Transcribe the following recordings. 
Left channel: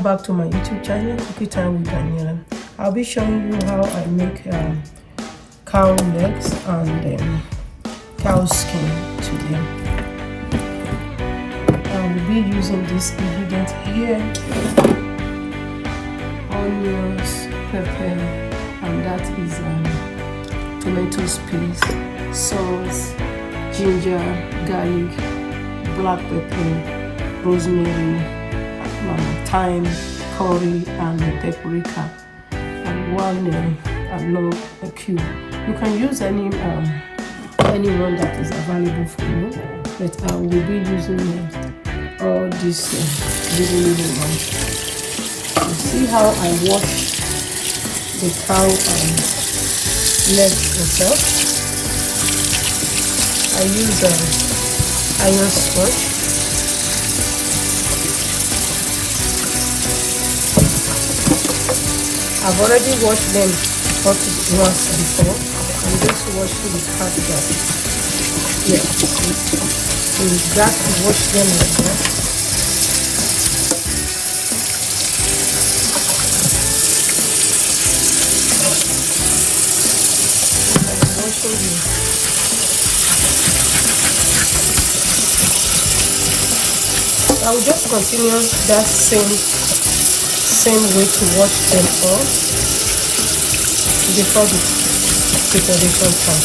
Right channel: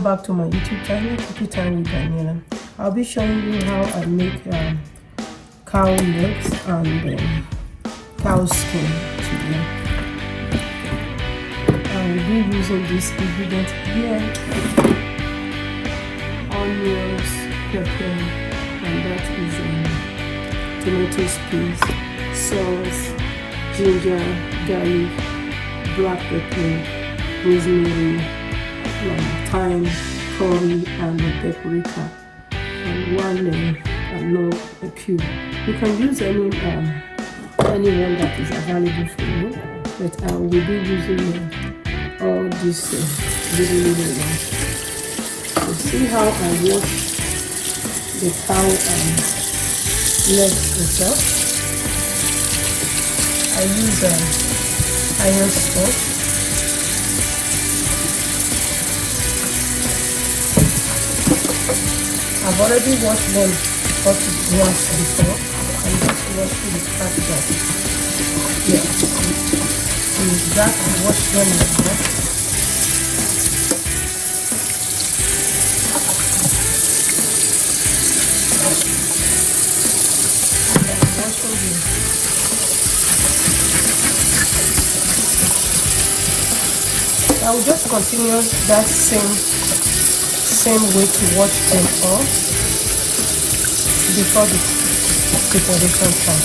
Welcome back to my YouTube channel, Cookie Time with Daniela. I'll be showing you how I make cow legs and cow skin today. I will be using this ingredient here: onions, pepper, and that is tomatoes, peas, sauce, ginger, garlic, black pepper, rosemary, thyme, curry, and paprika, and one a cube. You can use any one that is available for you, but I will be using all these little ones. So see how I wash the cow legs itself. I use iron scotch. I've already washed them once before. I'm just washing the part that, yeah, with that I wash them like that. I'm washing them. I will just continue that same way to wash them all before the preparation time.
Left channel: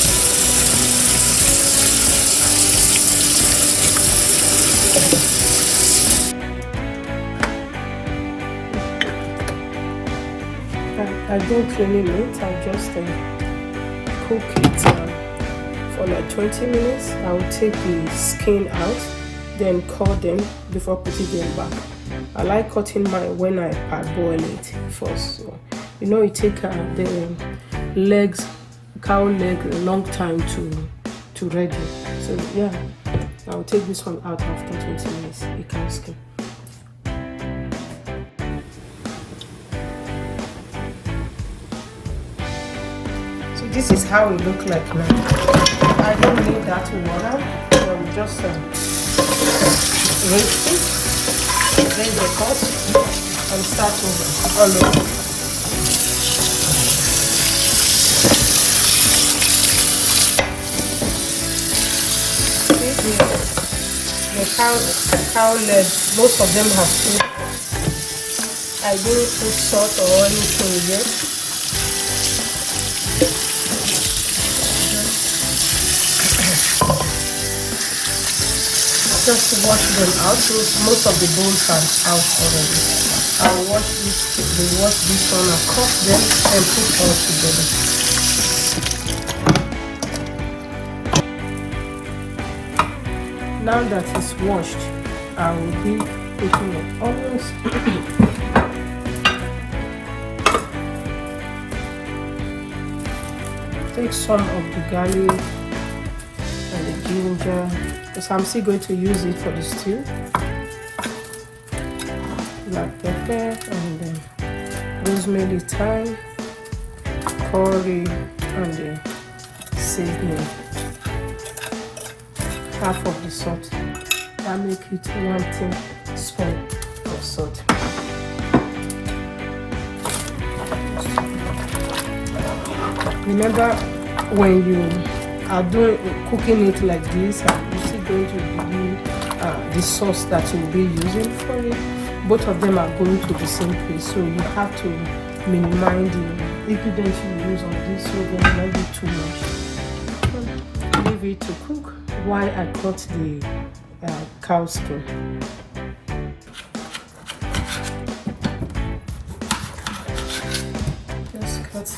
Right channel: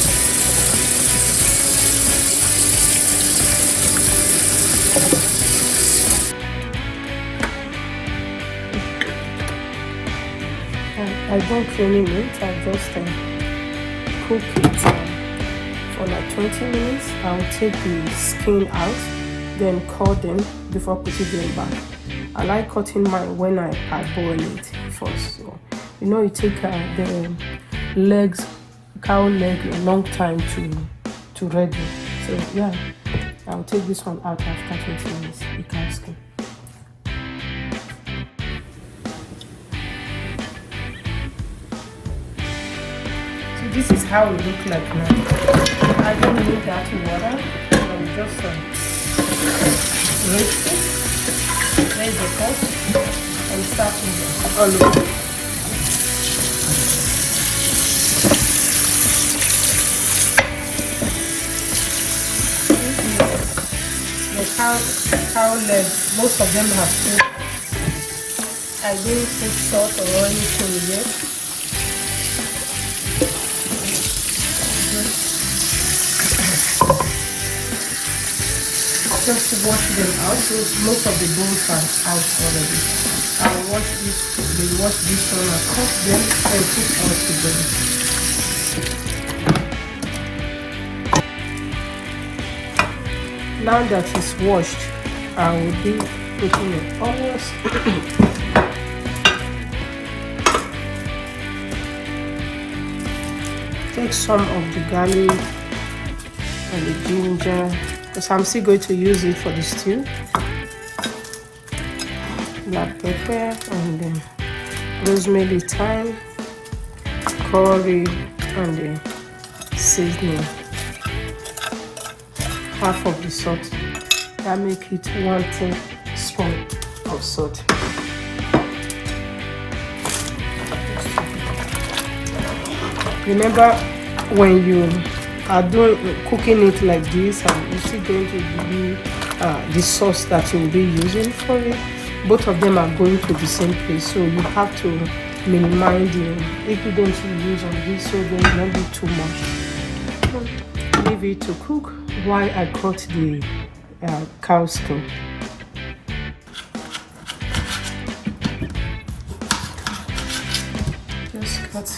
I don't clean it, I just cook it for like 20 minutes. I will take the skin out, then cut them before putting them back. I like cutting mine when I boil it first. So, you know, it takes the legs, cow leg, a long time to ready. So yeah, I'll take this one out after 20 minutes. The cow skin. So this is how it looks like now. I don't need that water, so I'm just roast it. Raise the pot and start over all over. The cow legs, most of them have food. I didn't put salt or anything yet. Just wash them out. Most of the bones are out already. I'll wash this one, I cut them and put all together. Now that it's washed, I will be putting it almost. Take some of the garlic and the ginger. So I'm still going to use it for the stew. Black pepper and rosemary, thyme, curry, and the seasoning. Half of the salt. I make it 1 teaspoon of salt. Remember, when you are cooking it like this, and you still going to use the sauce that you'll be using for it. Both of them are going to the same place, so you have to minimize the ingredients you use on this, so there will not be too much. Leave it to cook while I cut the cow skin. Just cut.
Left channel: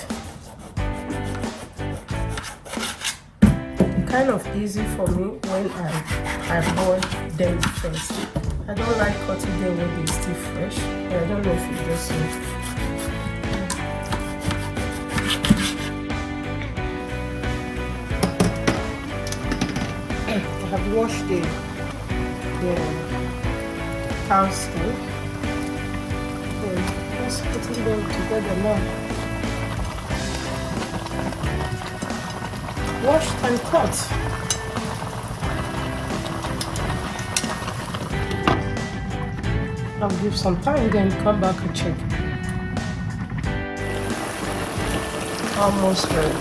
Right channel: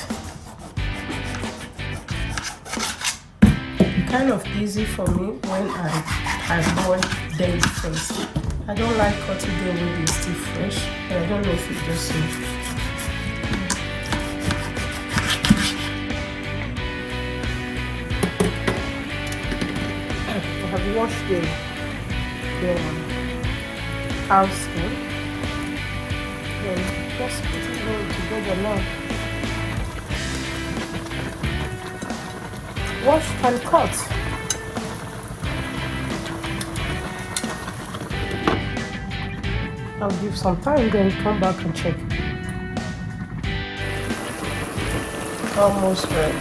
Kind of easy for me when I boil them first. I don't like cutting them when they're still fresh. I don't know if it's just so. I have washed the cow skin. Let's put it together now. Wash and cut. I'll give some time, then come back and check. Almost ready.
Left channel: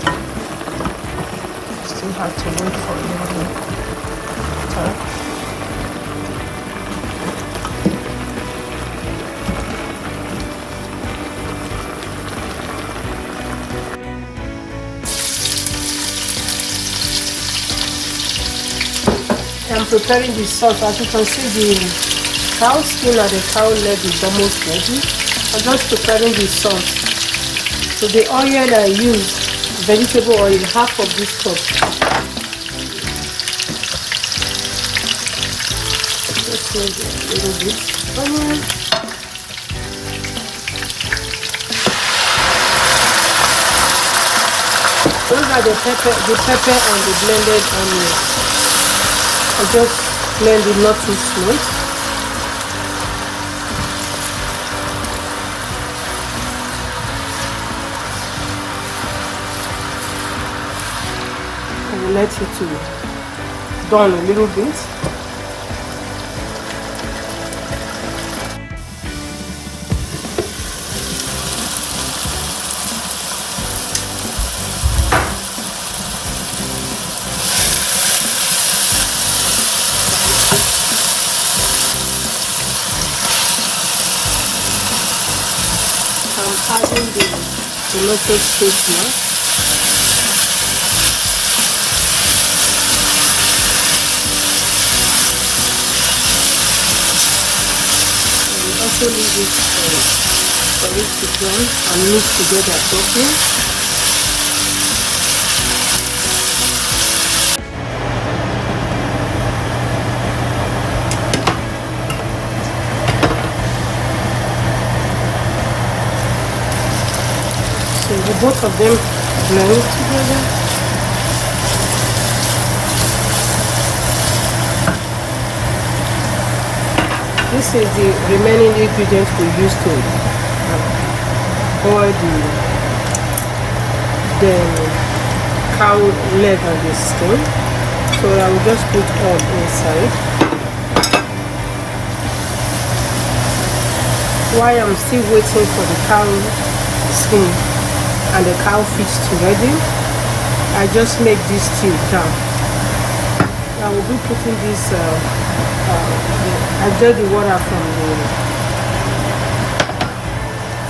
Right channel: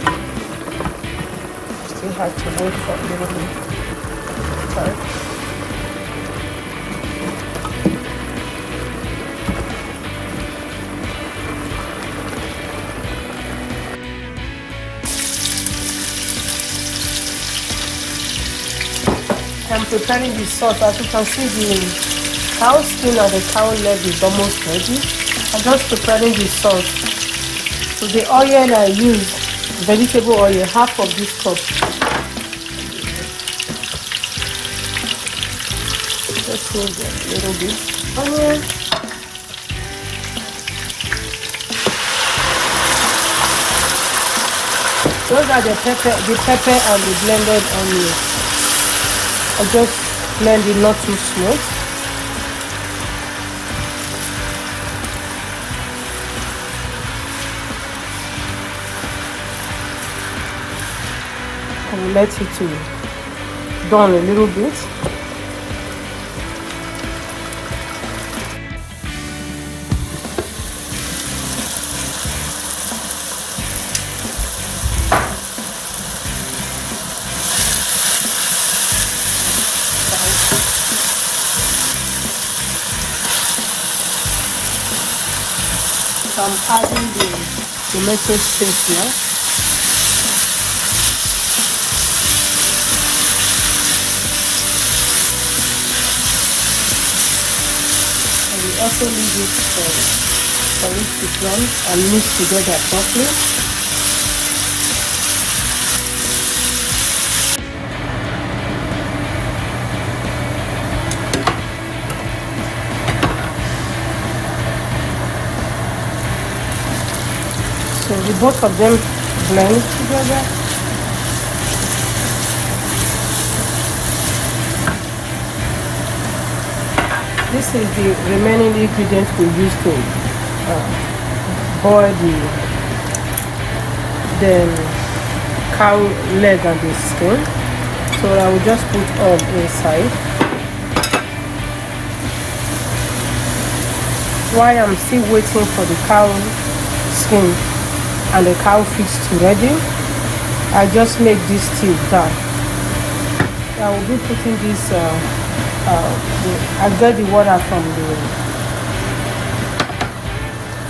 Still have to wait for a little bit time. I'm preparing the sauce. As you can see, the cow skin and the cow leg is almost ready. I'm just preparing the sauce. So the oil I use, vegetable oil, half of this cup. Just a little bit. Onion. Those are the pepper and the blended onion. I just blend it not too slow. I will let it to burn a little bit. I'm adding the lettuce paste now. I will also leave it for it to burn and mix together properly. So the both of them blend together. This is the remaining ingredients we use to boil the cow leg and the skin. So I will just put all inside. While I'm still waiting for the cow skin and the cow feet to ready, I just make this tea down. I will be putting this I get the water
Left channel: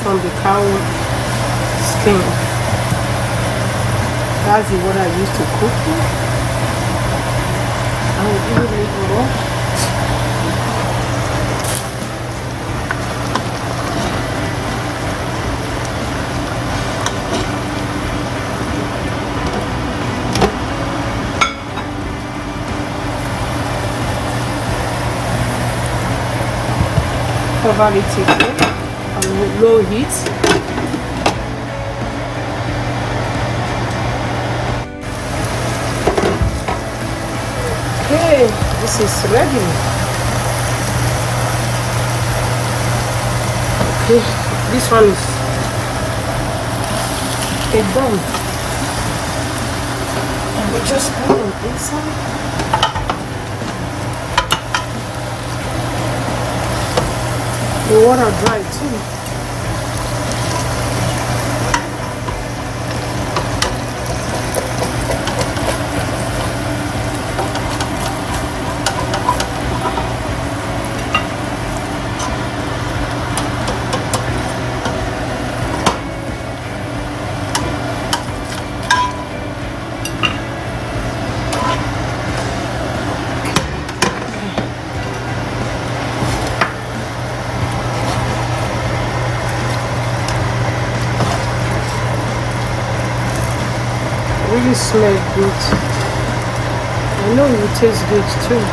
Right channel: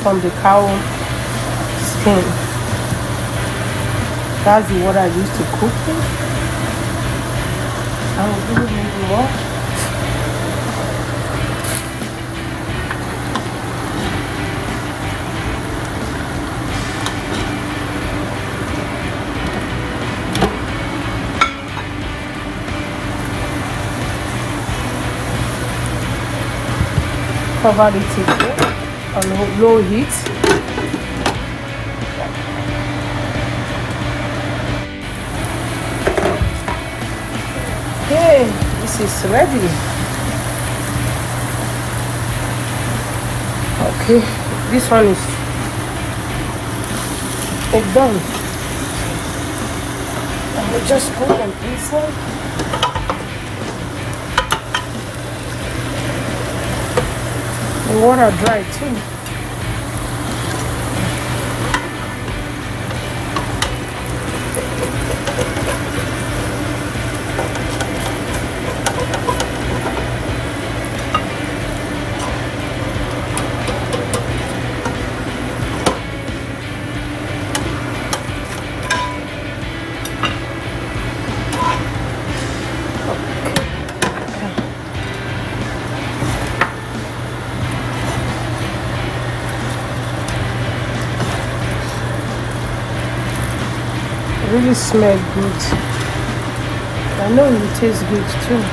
from the cow skin. That's the water I used to cook with. I will do a little more. Cover it on low heat. Okay, this is ready. Okay, this one is done. I will just put on this one. The water dry too. Really smell good. I know it will taste good too.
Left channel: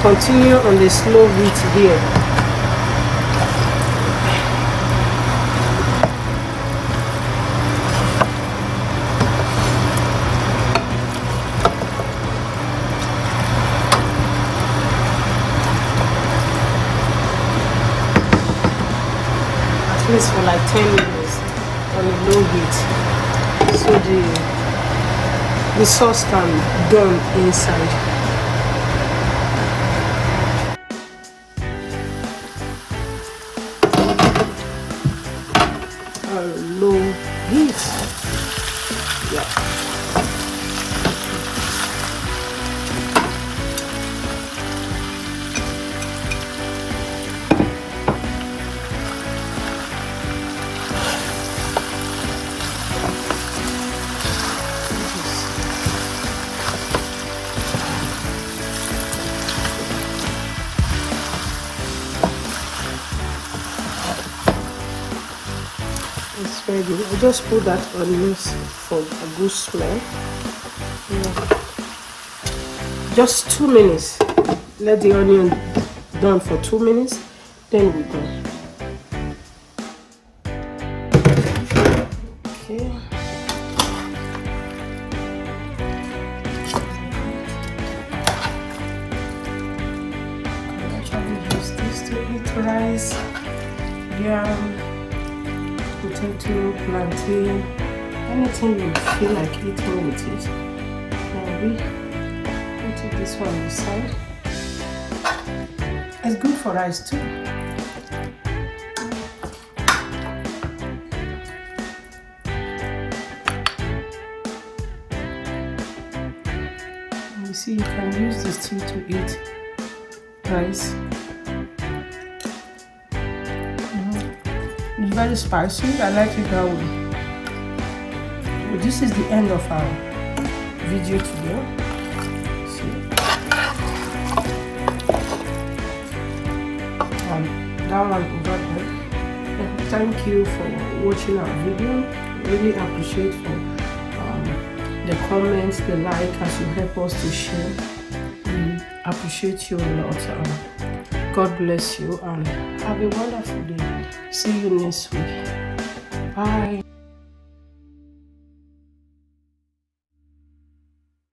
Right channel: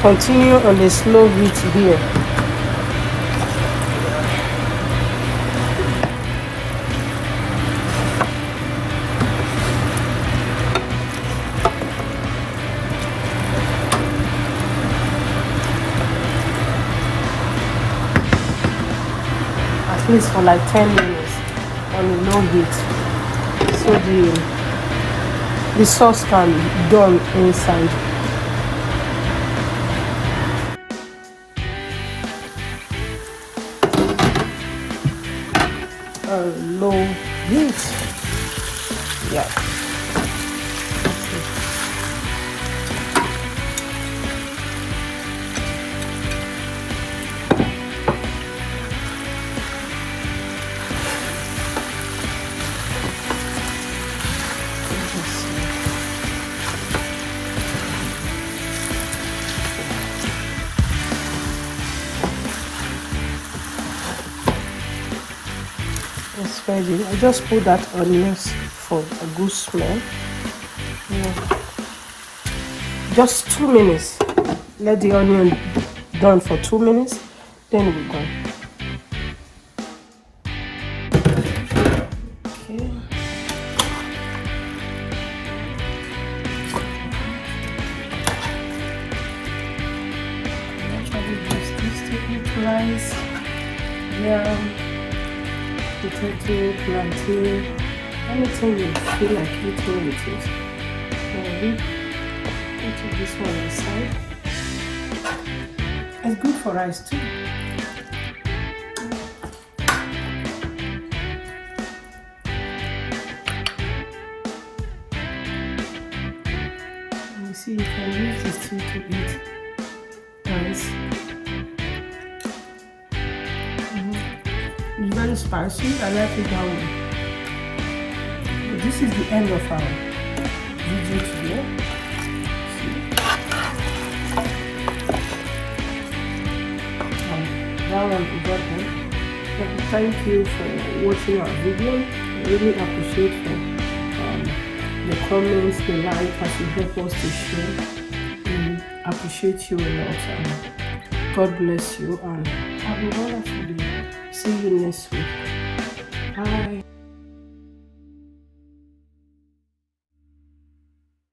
Continue on the slow heat here. For like 10 minutes on low heat, so the sauce can done inside. Low heat. Yeah. It's ready. I just put that onions for a good smell. Yeah. Just 2 minutes. Let the onion done for 2 minutes. Then we go. Okay. Actually use this to eat rice, yam, potato, plantain, anything you feel like eating with it. Maybe put this one aside. It's good for rice too. You see, you can use this too to eat rice. It's very spicy. I like it that way. But this is the end of our video today. See? That one over there. Thank you for watching our video. I really appreciate for the comments, the like, as you help us to share. We appreciate you a lot. God bless you and have a wonderful day. See you next week. Bye.